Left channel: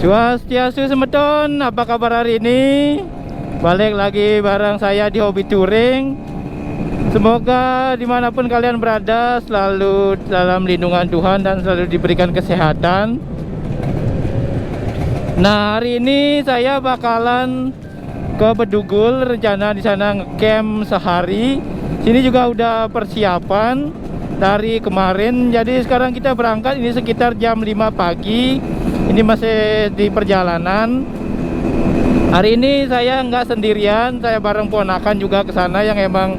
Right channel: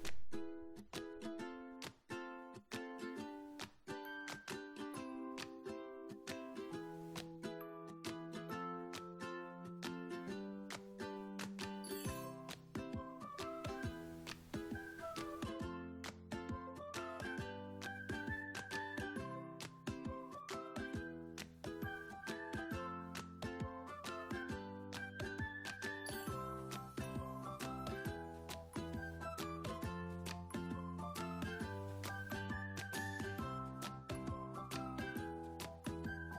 Swastiastu semeton, apa kabar hari ini? Balik lagi bareng saya di Hobi Touring. Semoga dimanapun kalian berada selalu dalam lindungan Tuhan dan selalu diberikan kesehatan. Nah, hari ini saya bakalan ke Bedugul, rencana di sana ngecamp sehari. Sini juga udah persiapan dari kemarin. Jadi sekarang kita berangkat, ini sekitar jam 5 pagi. Ini masih di perjalanan. Hari ini saya nggak sendirian, saya bareng ponakan juga ke sana yang emang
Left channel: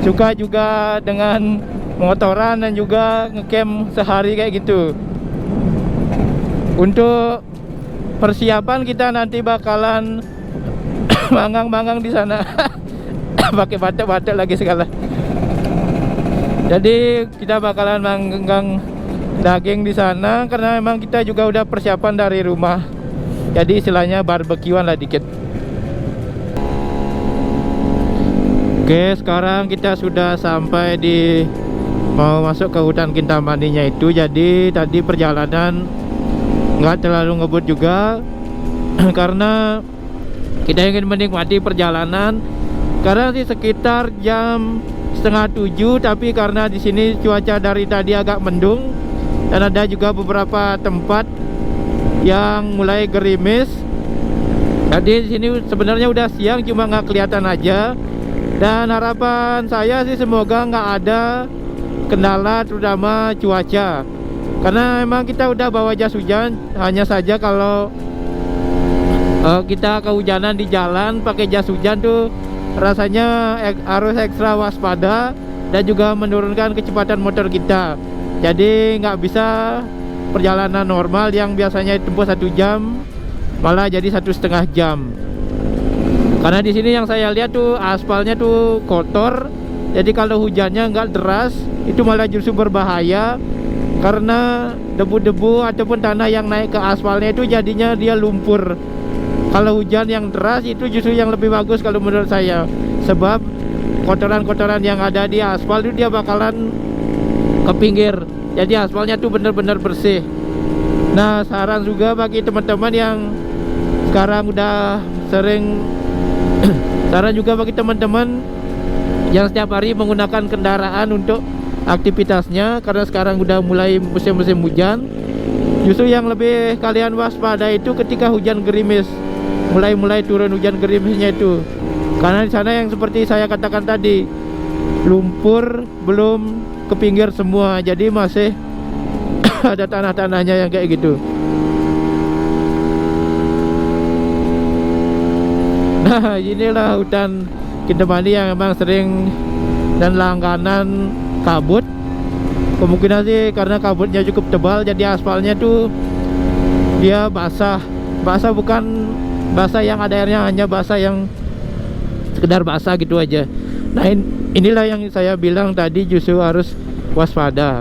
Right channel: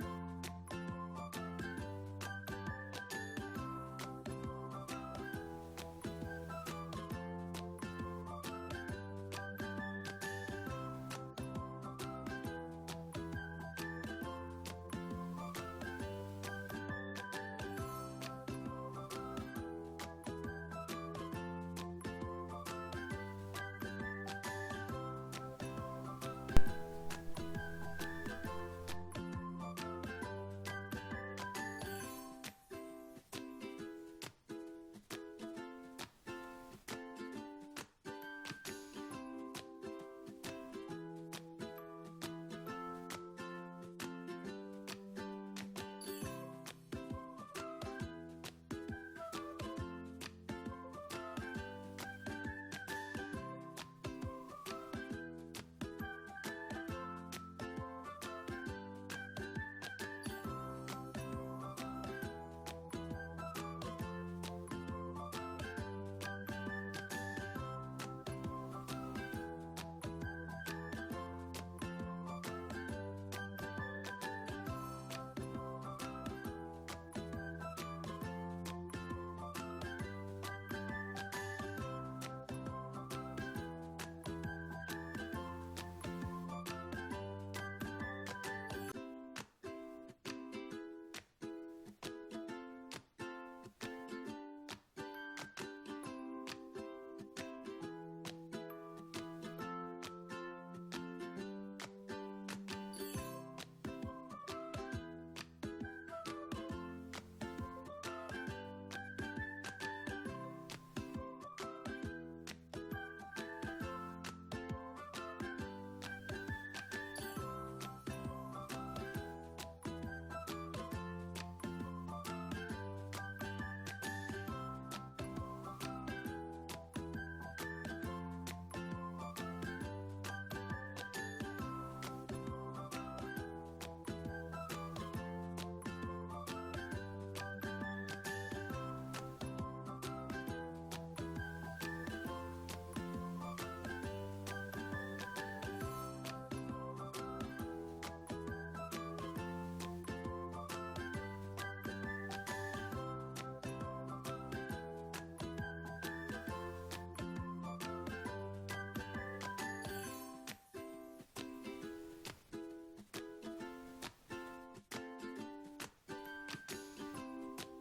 suka juga dengan motoran dan juga ngecamp sehari kayak gitu. Untuk persiapan kita nanti bakalan manggang-manggang di sana. Pakai batik-batik lagi segala. Jadi kita bakalan manggang daging di sana karena memang kita juga udah persiapan dari rumah. Jadi istilahnya barbekyuan lah dikit. Oke, sekarang kita sudah sampai di mau masuk ke hutan Kintamaninya itu. Jadi tadi perjalanan nggak terlalu ngebut juga karena kita ingin menikmati perjalanan. Karena sih sekitar jam 6:30, tapi karena di sini cuaca dari tadi agak mendung dan ada juga beberapa tempat yang mulai gerimis. Jadi di sini sebenarnya udah siang, cuma nggak kelihatan aja. Dan harapan saya sih semoga nggak ada kendala terutama cuaca. Karena memang kita udah bawa jas hujan, hanya saja kalau kita kehujanan di jalan pakai jas hujan tuh rasanya harus ekstra waspada dan juga menurunkan kecepatan motor kita. Jadi nggak bisa perjalanan normal yang biasanya tempuh 1 jam malah jadi 1,5 jam. Karena di sini yang saya lihat tuh aspalnya tuh kotor. Jadi kalau hujannya nggak deras itu malah justru berbahaya karena debu-debu ataupun tanah yang naik ke aspalnya itu jadinya dia lumpur. Kalau hujan yang deras itu justru yang lebih bagus kalau menurut saya. Sebab kotoran-kotoran yang ada di aspal itu dia bakalan ke pinggir. Jadi aspalnya tuh bener-bener bersih. Nah, saran juga bagi teman-teman yang sekarang udah sering saran juga bagi teman-teman yang setiap hari menggunakan kendaraan untuk aktivitasnya, karena sekarang udah mulai musim-musim hujan. Justru yang lebih kalian waspada itu ketika hujan gerimis. Mulai turun hujan gerimisnya itu. Karena di sana yang seperti saya katakan tadi, lumpur belum ke pinggir semua, jadi masih ada tanah-tanahnya yang kayak gitu. Nah, inilah hutan Kintamani yang memang sering dan langganan kabut. Kemungkinan sih karena kabutnya cukup tebal, jadi aspalnya tuh dia basah. Basah bukan basah yang ada airnya, hanya basah yang sekedar basah gitu aja. Nah, inilah yang saya bilang tadi, justru harus waspada.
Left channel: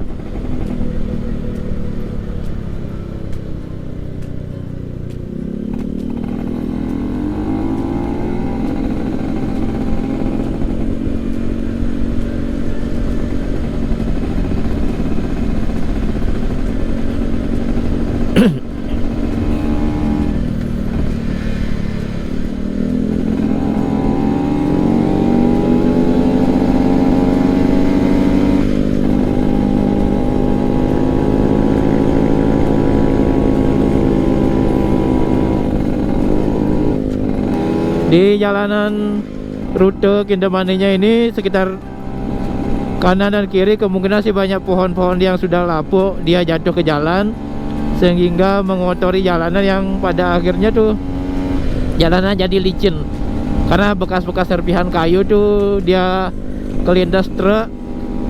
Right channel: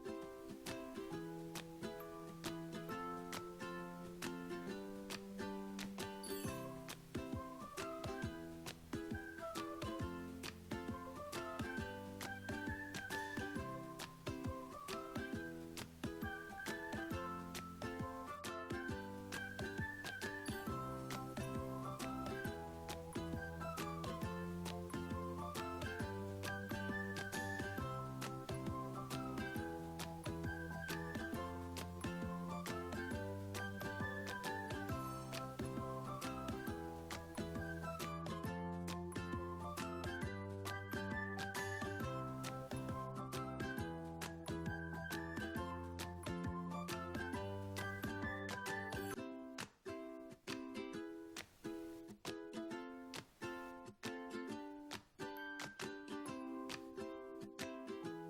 Di jalanan rute Kintamaninya ini sekitar kanan dan kiri kemungkinan sih banyak pohon-pohon yang sudah lapuk, dia jatuh ke jalan sehingga mengotori jalanan yang pada akhirnya tuh jalanan jadi licin. Karena bekas-bekas serpihan kayu tuh dia kelindas truk,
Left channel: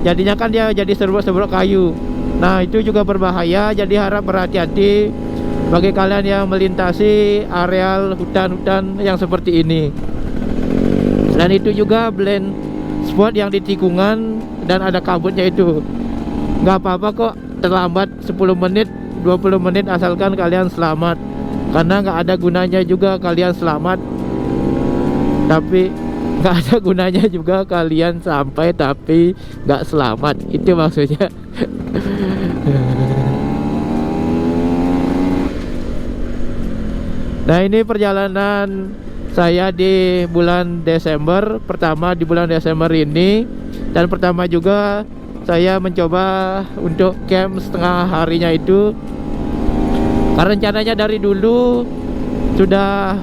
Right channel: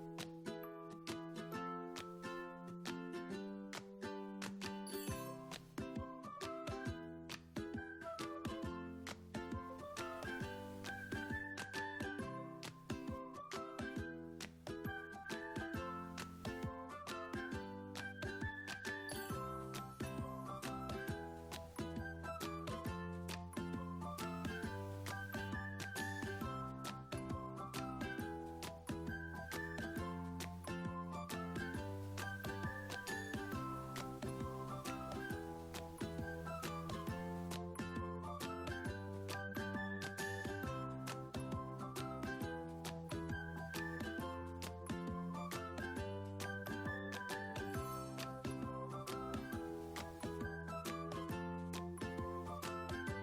jadinya kan dia jadi serbuk-serbuk kayu. Nah, itu juga berbahaya, jadi harap berhati-hati bagi kalian yang melintasi areal hutan-hutan yang seperti ini. Dan itu juga blend spot yang di tikungan dan ada kabutnya itu. Nggak apa-apa kok terlambat 10 menit, 20 menit asalkan kalian selamat. Karena nggak ada gunanya juga kalian selamat, tapi nggak ada gunanya juga kalian sampai tapi nggak selamat. Itu maksudnya. Nah, ini perjalanan saya di bulan Desember, pertama di bulan Desember ini. Dan pertama juga saya mencoba untuk camp setengah harinya itu. Karena rencananya dari dulu sudah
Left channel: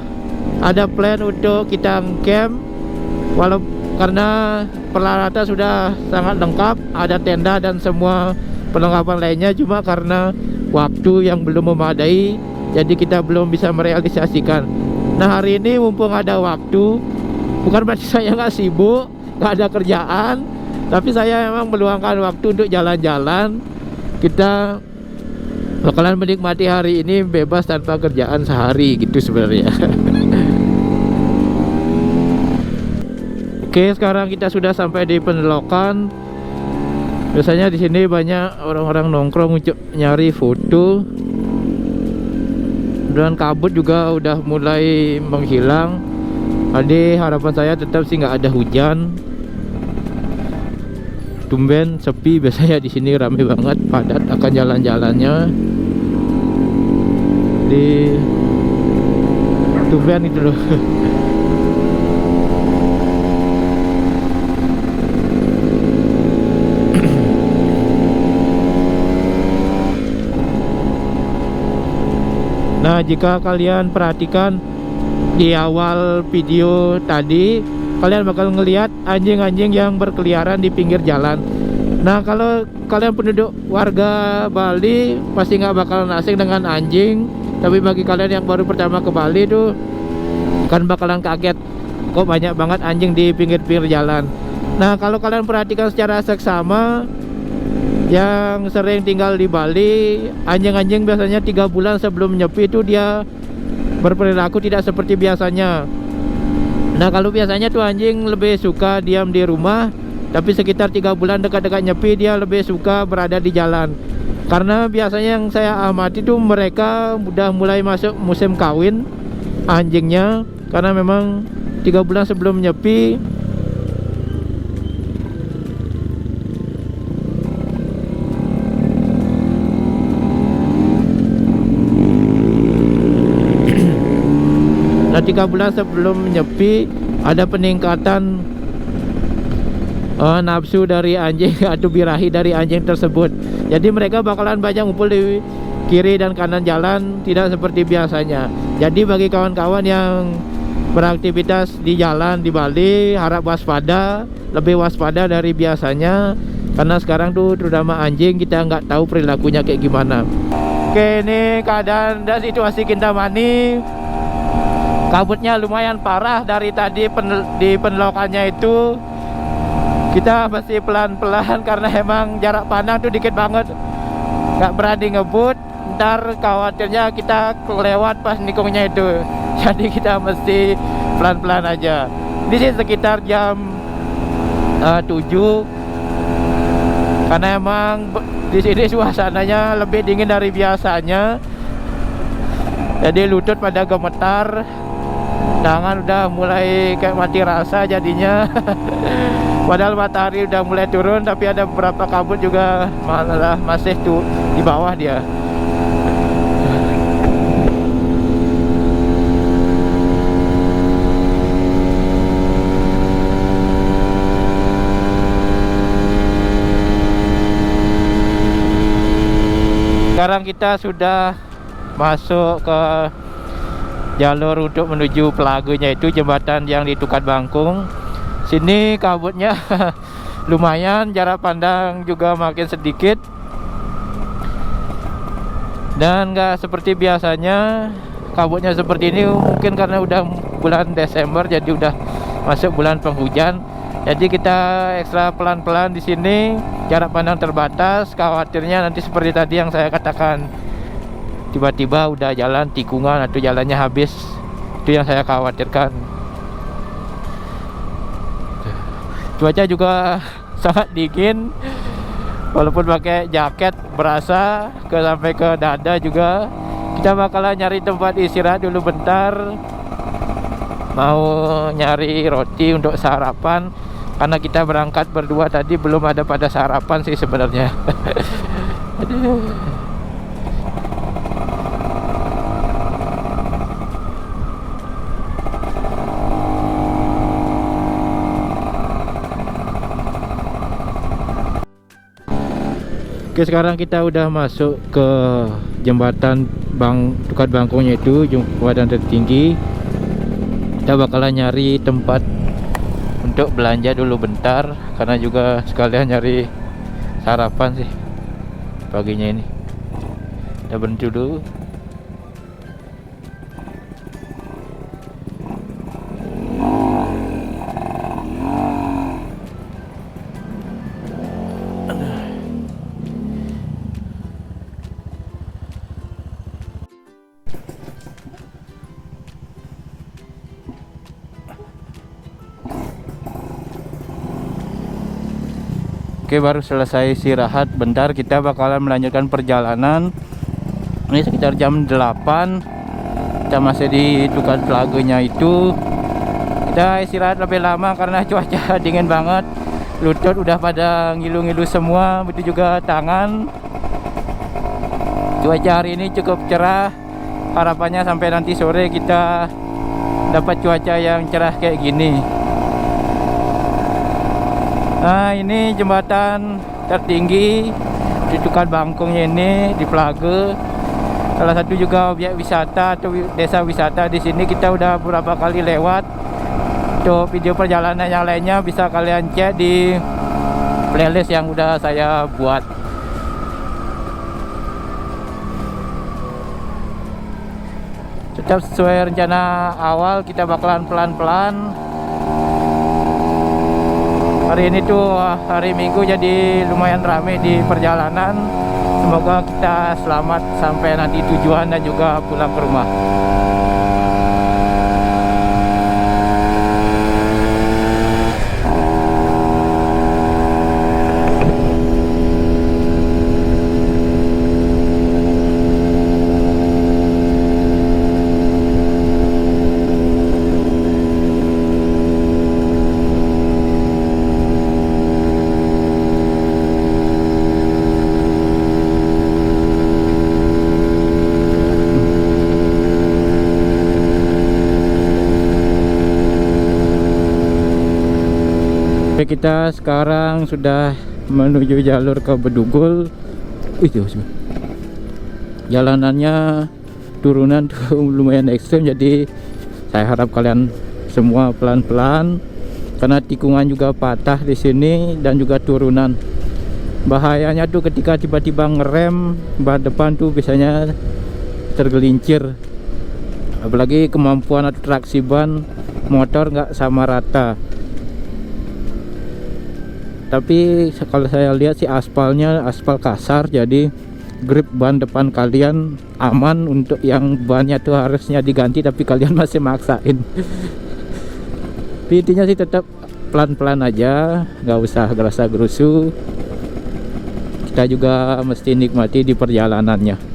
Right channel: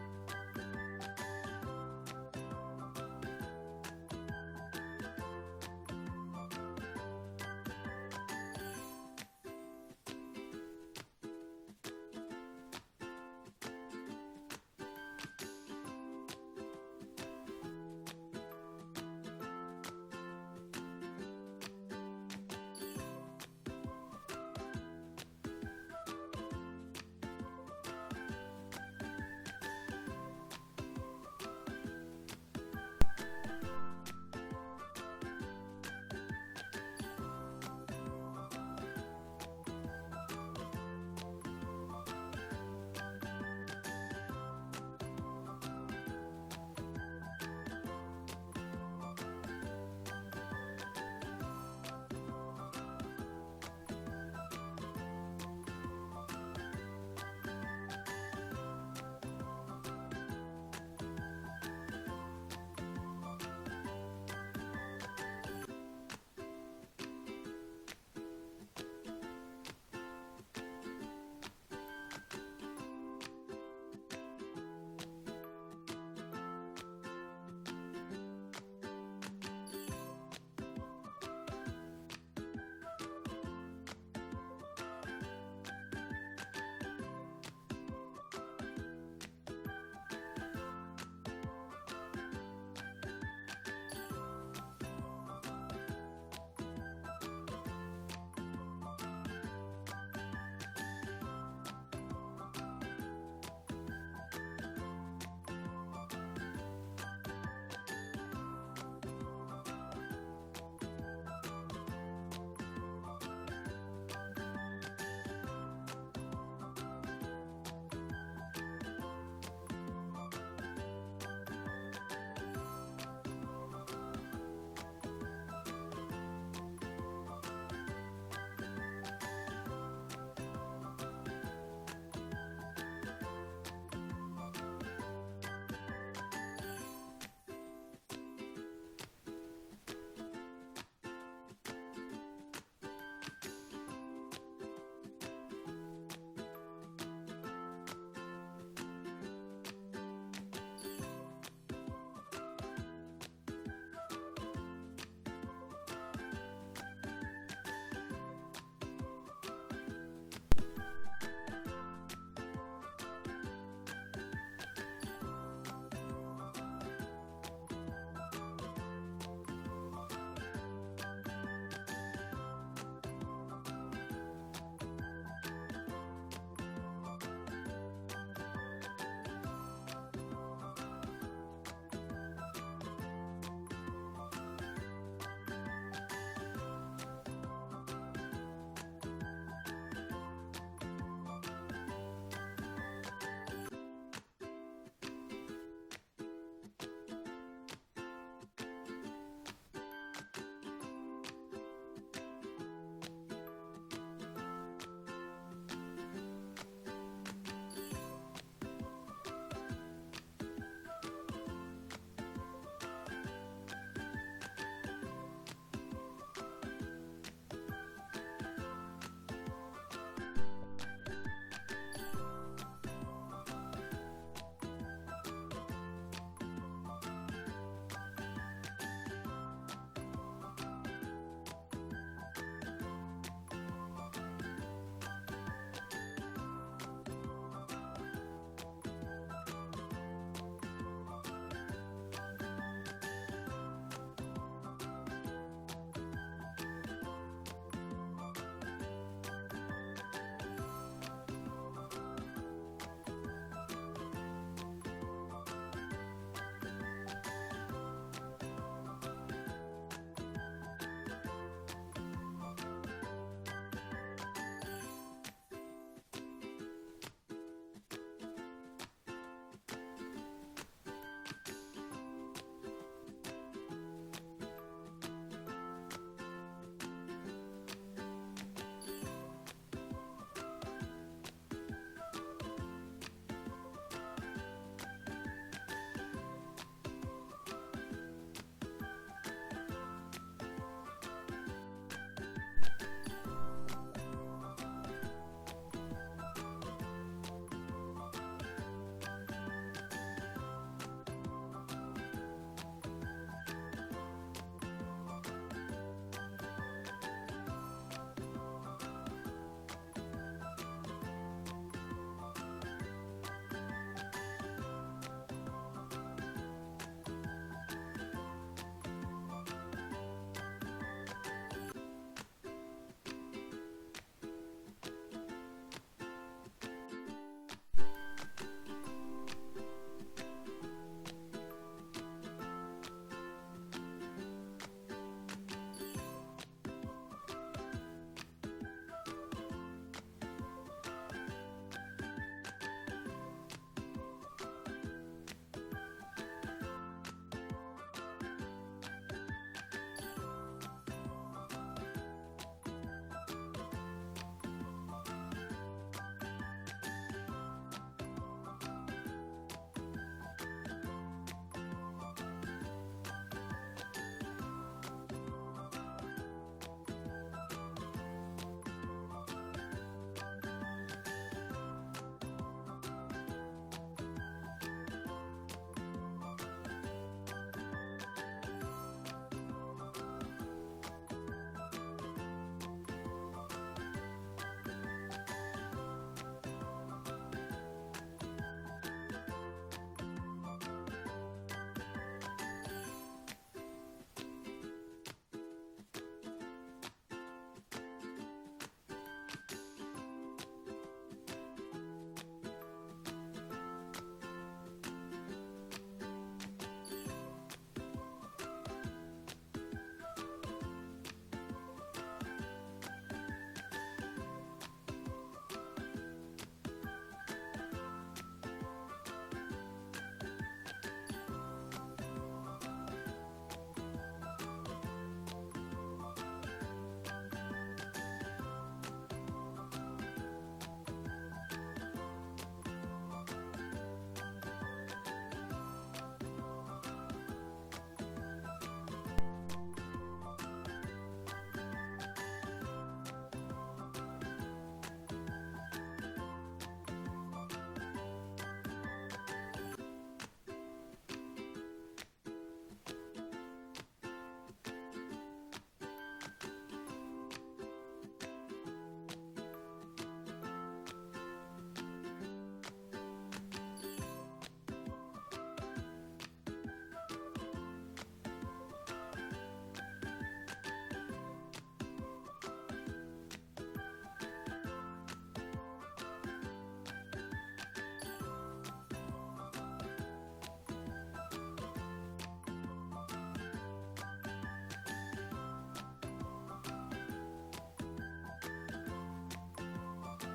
ada plan untuk kita camp, karena peralatan sudah sangat lengkap, ada tenda dan semua perlengkapan lainnya. Cuma karena waktu yang belum memadai, jadi kita belum bisa merealisasikan. Nah, hari ini mumpung ada waktu, bukan berarti saya nggak sibuk, nggak ada kerjaan, tapi saya memang meluangkan waktu untuk jalan-jalan. Kita bakalan menikmati hari ini bebas tanpa kerjaan sehari gitu sebenarnya. Oke, sekarang kita sudah sampai di pendolokan. Biasanya di sini banyak orang-orang nongkrong untuk nyari foto. Dan kabut juga udah mulai menghilang. Jadi harapan saya tetap sih nggak ada hujan. Tumben sepi, biasanya di sini ramai banget, padat akan jalan-jalannya. Di tumben itu loh. Nah, jika kalian perhatikan di awal video tadi, kalian bakal ngelihat anjing-anjing yang berkeliaran di pinggir jalan. Nah, kalau kalian penduduk warga Bali pasti nggak bakalan asing dengan anjing. Tapi bagi kalian yang baru pertama ke Bali tuh kan bakalan kaget, kok banyak banget anjing di pinggir-pinggir jalan. Nah, kalau kalian perhatikan secara seksama, yang sering tinggal di Bali, anjing-anjing biasanya 3 bulan sebelum nyepi itu dia berperilaku tidak seperti biasanya. Nah, kalau biasanya tuh anjing lebih suka diam di rumah, tapi sekitar 3 bulan dekat-dekat nyepi dia lebih suka berada di jalan. Karena biasanya yang saya amati tuh mereka udah mulai masuk musim kawin anjingnya, karena memang 3 bulan sebelum nyepi Nah, 3 bulan sebelum nyepi ada peningkatan nafsu dari anjing atau birahi dari anjing tersebut. Jadi mereka bakalan banyak ngumpul di kiri dan kanan jalan, tidak seperti biasanya. Jadi bagi kawan-kawan yang beraktivitas di jalan di Bali, harap waspada, lebih waspada dari biasanya. Karena sekarang tuh terutama anjing, kita nggak tahu perilakunya kayak gimana. Oke, ini keadaan dan situasi Kintamani. Kabutnya lumayan parah dari tadi di penlokannya itu. Kita masih pelan-pelan karena emang jarak pandang tuh dikit banget. Gak berani ngebut, ntar khawatirnya kita kelewat pas nikungnya itu. Jadi kita mesti pelan-pelan aja. Ini sih sekitar jam 7. Karena emang di sini suasananya lebih dingin dari biasanya. Jadi lutut pada gemetar, tangan udah mulai kayak mati rasa jadinya. Padahal matahari udah mulai turun, tapi ada beberapa kabut juga malah masih tuh di bawah dia. Sekarang kita sudah masuk ke jalur untuk menuju Pelagunya, itu jembatan yang di Tukat Bangkung. Sini kabutnya lumayan, jarak pandang juga makin sedikit. Dan nggak seperti biasanya kabutnya seperti ini, mungkin karena udah bulan Desember jadi udah masuk bulan penghujan. Jadi kita ekstra pelan-pelan di sini, jarak pandang terbatas. Khawatirnya nanti seperti tadi yang saya katakan, tiba-tiba udah jalan tikungan atau jalannya habis. Itu yang saya khawatirkan. Cuaca juga sangat dingin, walaupun pakai jaket berasa sampai ke dada juga. Kita bakalan nyari tempat istirahat dulu bentar, mau nyari roti untuk sarapan. Karena kita berangkat berdua tadi belum ada pada sarapan sih sebenarnya. Aduh. Oke, sekarang kita udah masuk ke jembatan Tukat Bangkongnya, itu jembatan tertinggi. Kita bakalan nyari tempat untuk belanja dulu bentar, karena juga sekalian nyari sarapan sih paginya ini. Kita berhenti dulu. Oke, baru selesai istirahat bentar, kita bakalan melanjutkan perjalanan. Ini sekitar jam 8. Kita masih di Tukat Pelagenya itu. Kita istirahat lebih lama karena cuaca dingin banget. Lutut udah pada ngilu-ngilu semua, begitu juga tangan. Cuaca hari ini cukup cerah. Harapannya sampai nanti sore kita dapat cuaca yang cerah kayak gini. Nah, ini jembatan tertinggi di Tukat Bangkongnya ini, di Pelage. Salah satu juga objek wisata atau desa wisata di sini. Kita udah beberapa kali lewat. Untuk video perjalanan yang lainnya bisa kalian cek di playlist yang udah saya buat. Tetap sesuai rencana awal, kita bakalan pelan-pelan. Hari ini tuh hari Minggu, jadi lumayan ramai di perjalanan. Semoga kita selamat sampai nanti tujuan dan juga pulang ke rumah. Kita sekarang sudah menuju jalur ke Bedugul. Jalanannya turunan tuh lumayan ekstrem, jadi saya harap kalian semua pelan-pelan karena tikungan juga patah di sini dan juga turunan. Bahayanya tuh ketika tiba-tiba ngerem, ban depan tuh biasanya tergelincir. Apalagi kemampuan atau traksi ban motor nggak sama rata. Tapi kalau saya lihat sih aspalnya aspal kasar, jadi grip ban depan kalian aman. Untuk yang bannya tuh harusnya diganti tapi kalian masih maksain. Tapi intinya sih tetap pelan-pelan aja, nggak usah gerasa gerusu. Kita juga mesti nikmati di perjalanannya.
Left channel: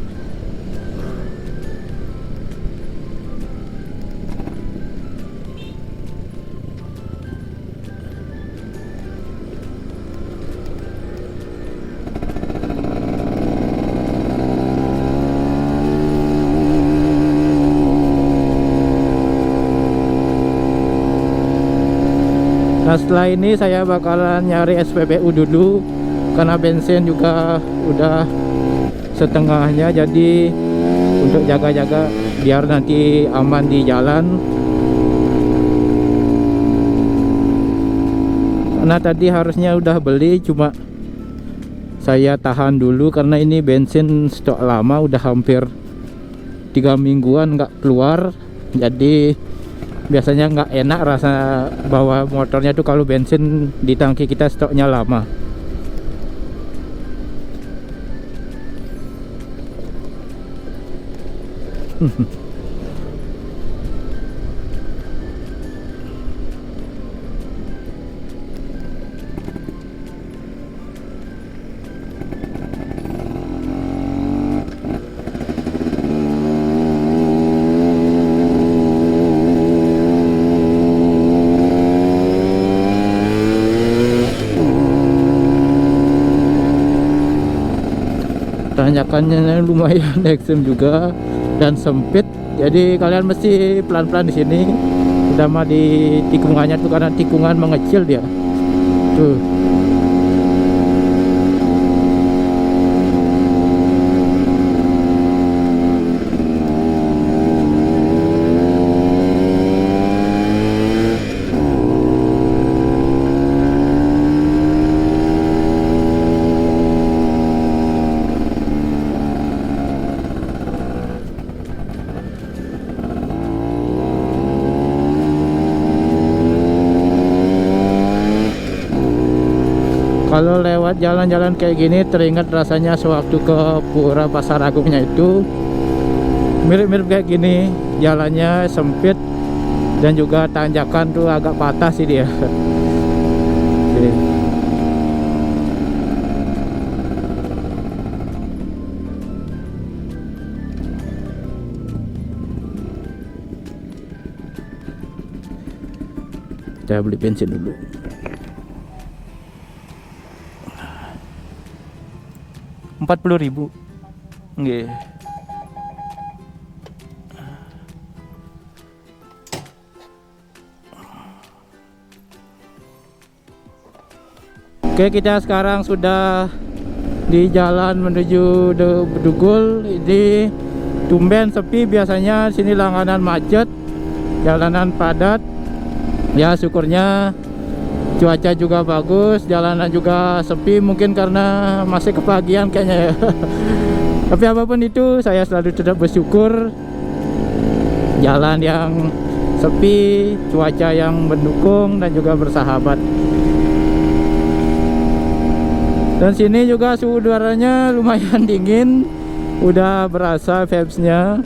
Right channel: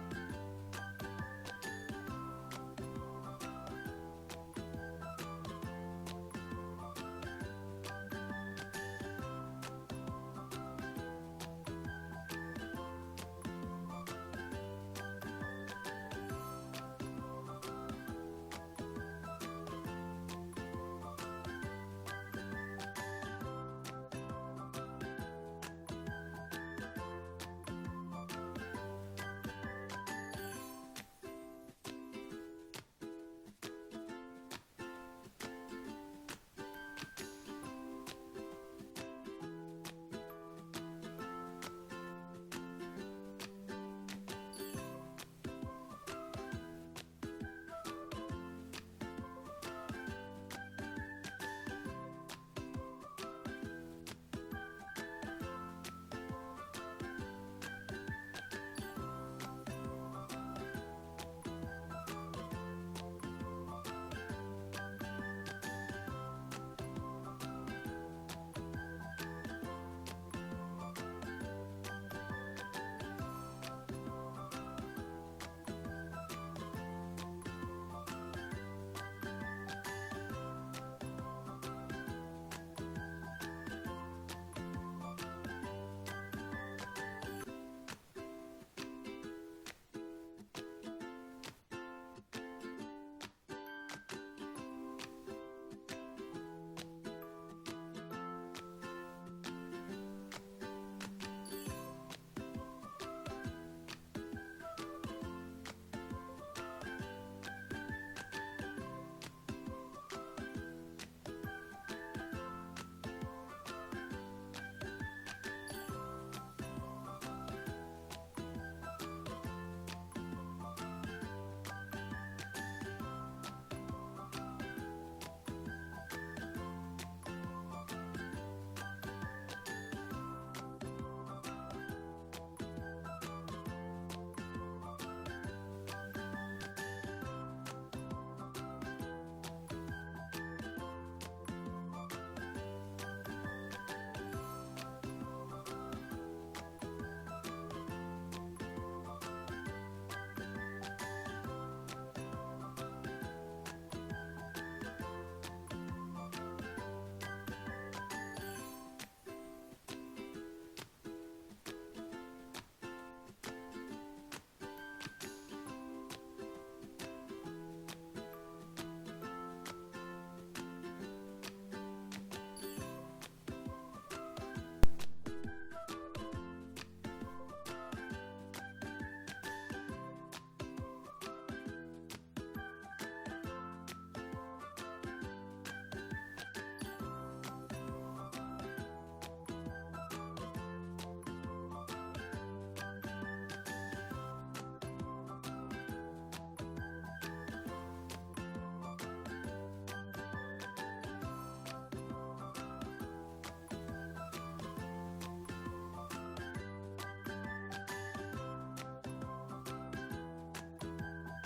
Nah, setelah ini saya bakalan nyari SPBU dulu karena bensin juga udah setengahnya, jadi untuk jaga-jaga biar nanti aman di jalan. Karena tadi harusnya udah beli, cuma saya tahan dulu karena ini bensin stok lama, udah hampir 3 mingguan nggak keluar. Jadi biasanya nggak enak rasa bawa motornya tuh kalau bensin di tangki kita stoknya lama. Tanjakannya lumayan ekstrem juga dan sempit, jadi kalian mesti pelan-pelan di sini. Terutama di tikungannya tuh, karena tikungan mengecil dia tuh. Kalau lewat jalan-jalan kayak gini teringat rasanya sewaktu ke Pura Pasar Agungnya itu. Mirip-mirip kayak gini, jalannya sempit dan juga tanjakan tuh agak patah sih dia. Oke. Kita beli bensin dulu. Rp40.000. Nggih. Oke, kita sekarang sudah di jalan menuju Bedugul. Ini tumben sepi, biasanya sini langganan macet, jalanan padat. Ya syukurnya cuaca juga bagus, jalanan juga sepi, mungkin karena masih kepagian kayaknya ya. Tapi apapun itu, saya selalu tetap bersyukur. Jalan yang sepi, cuaca yang mendukung dan juga bersahabat. Dan sini juga suhu udaranya lumayan dingin, udah berasa vibes-nya,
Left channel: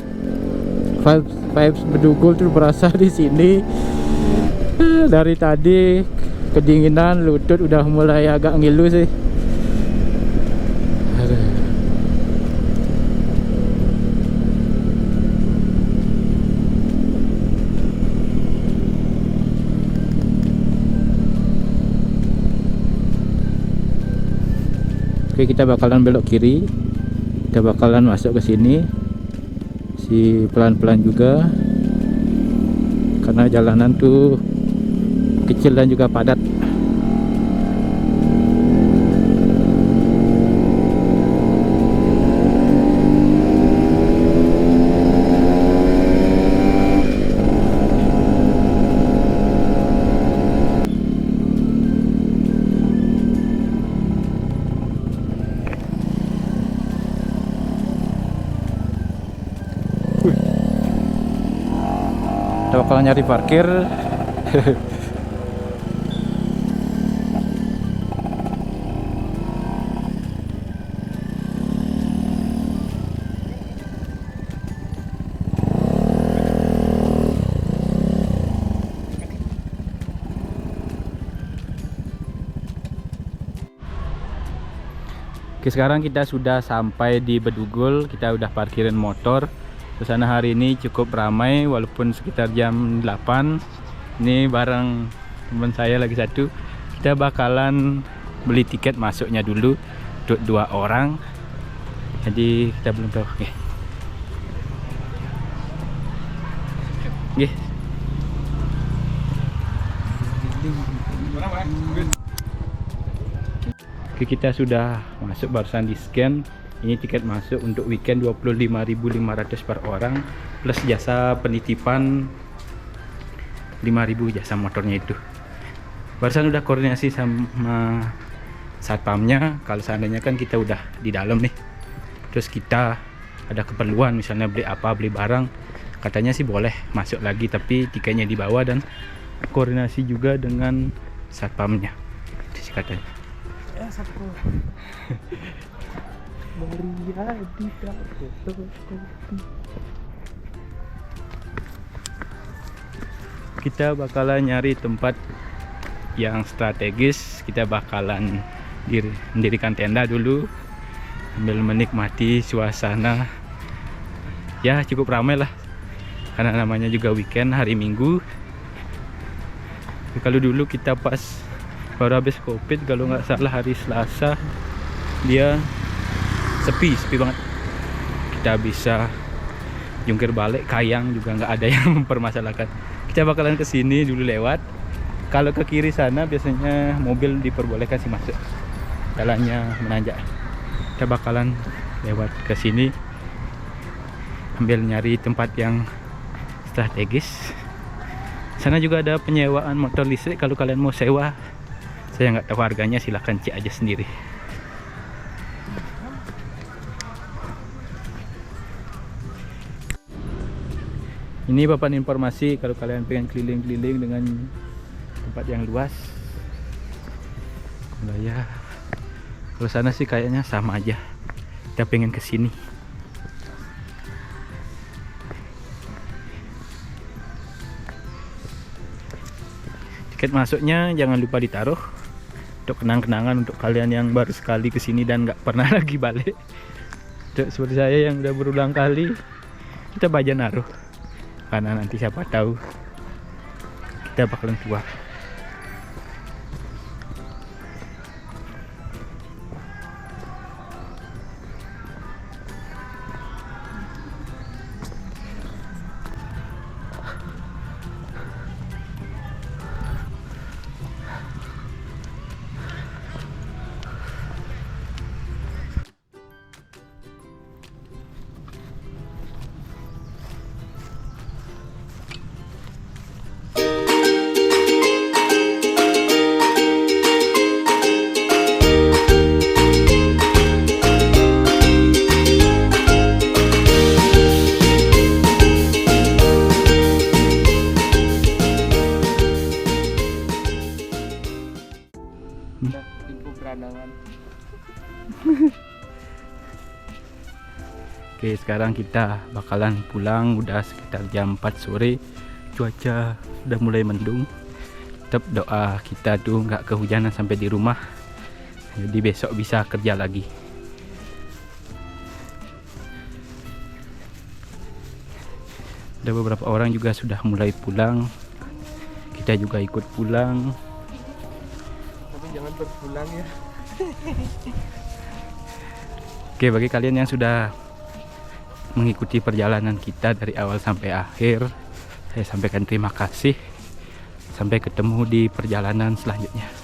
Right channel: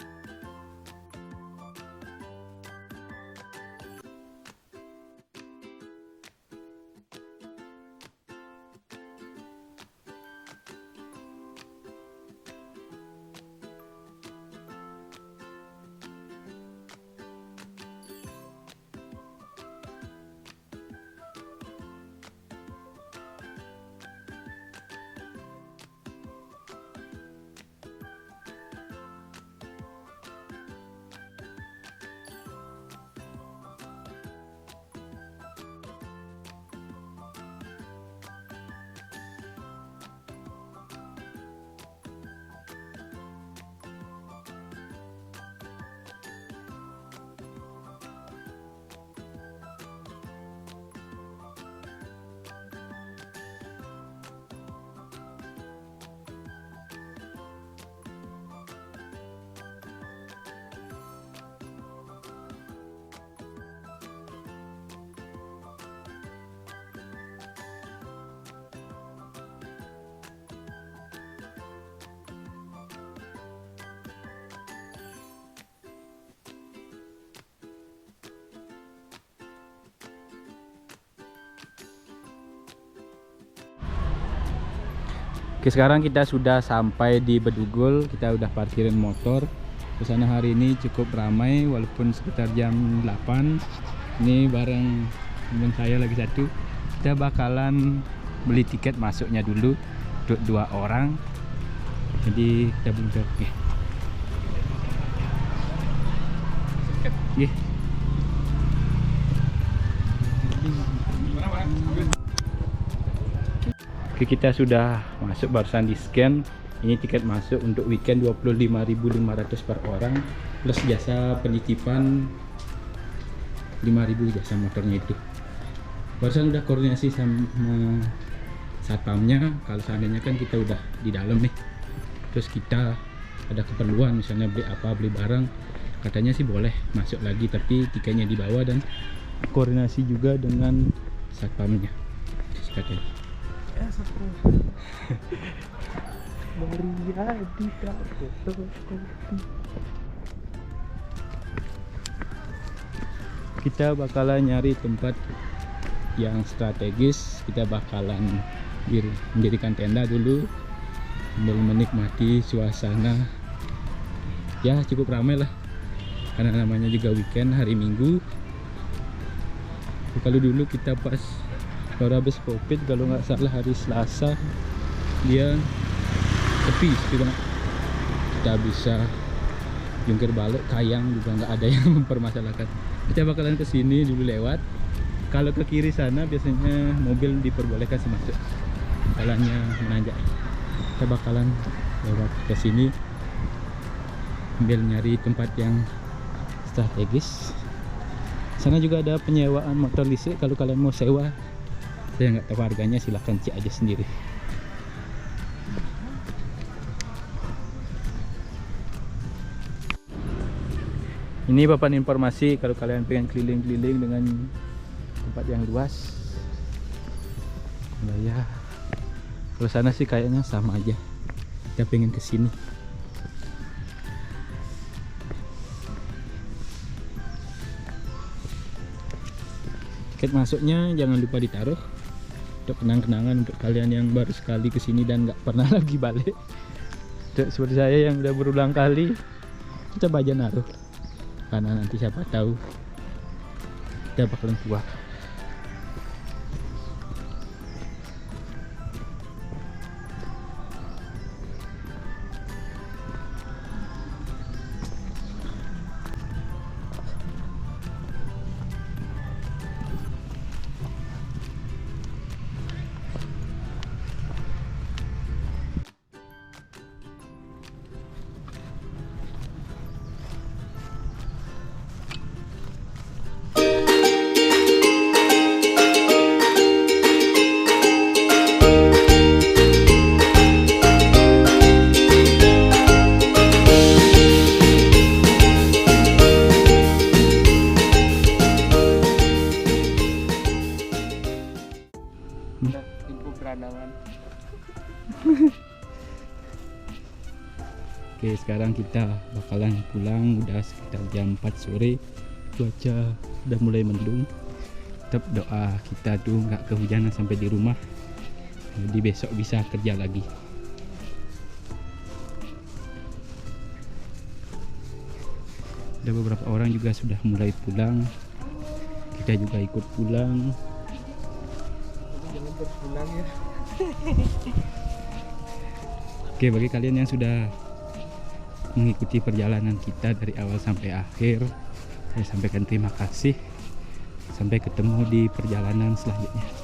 vibes Bedugul tuh berasa di sini. Dari tadi kedinginan, lutut udah mulai agak ngilu sih. Oke, kita bakalan belok kiri. Kita bakalan masuk ke sini. Si pelan-pelan juga. Karena jalanan tuh kecil dan juga padat. Kita bakalan nyari parkir. Oke, sekarang kita sudah sampai di Bedugul. Kita udah parkirin motor. Kesana hari ini cukup ramai walaupun sekitar jam 8. Ini bareng teman saya lagi satu. Kita bakalan beli tiket masuknya dulu untuk 2 orang. Jadi kita belum tahu. Oke. Oke, kita sudah masuk, barusan di scan. Ini tiket masuk untuk weekend 25.500 per orang plus jasa penitipan 5.000 jasa motornya itu. Barusan udah koordinasi sama satpamnya, kalau seandainya kan kita udah di dalam nih, terus kita ada keperluan misalnya beli apa, beli barang, katanya sih boleh masuk lagi tapi tiketnya dibawa dan koordinasi juga dengan satpamnya katanya. Kita bakalan nyari tempat yang strategis. Kita bakalan mendirikan tenda dulu sambil menikmati suasana. Ya cukup ramai lah karena namanya juga weekend, hari Minggu. Kalau dulu kita pas baru habis COVID, kalau nggak salah hari Selasa, dia sepi banget. Kita bisa jungkir balik, kayang juga nggak ada yang mempermasalahkan. Kita bakalan ke sini dulu lewat. Kalau ke kiri sana biasanya mobil diperbolehkan sih masuk, jalannya menanjak. Kita bakalan lewat ke sini sambil nyari tempat yang strategis. Sana juga ada penyewaan motor listrik. Kalau kalian mau sewa, saya nggak tahu harganya, silahkan cek aja sendiri. Ini papan informasi kalau kalian pengen keliling-keliling dengan tempat yang luas. Ya, Kalau sana sih kayaknya sama aja. Kita pengen ke sini. Tiket masuknya jangan lupa ditaruh untuk kenang-kenangan untuk kalian yang baru sekali ke sini dan nggak pernah lagi balik. Untuk seperti saya yang udah berulang kali, kita baja naruh. Karena nanti siapa tahu kita bakalan keluar. Oke, sekarang kita bakalan pulang. Udah sekitar jam 4 sore. Cuaca udah mulai mendung. Tetap doa kita tuh nggak kehujanan sampai di rumah. Jadi besok bisa kerja lagi. Ada beberapa orang juga sudah mulai pulang. Kita juga ikut pulang. Tapi jangan berpulang ya. Oke, bagi kalian yang sudah mengikuti perjalanan kita dari awal sampai akhir, saya sampaikan terima kasih. Sampai ketemu di perjalanan selanjutnya.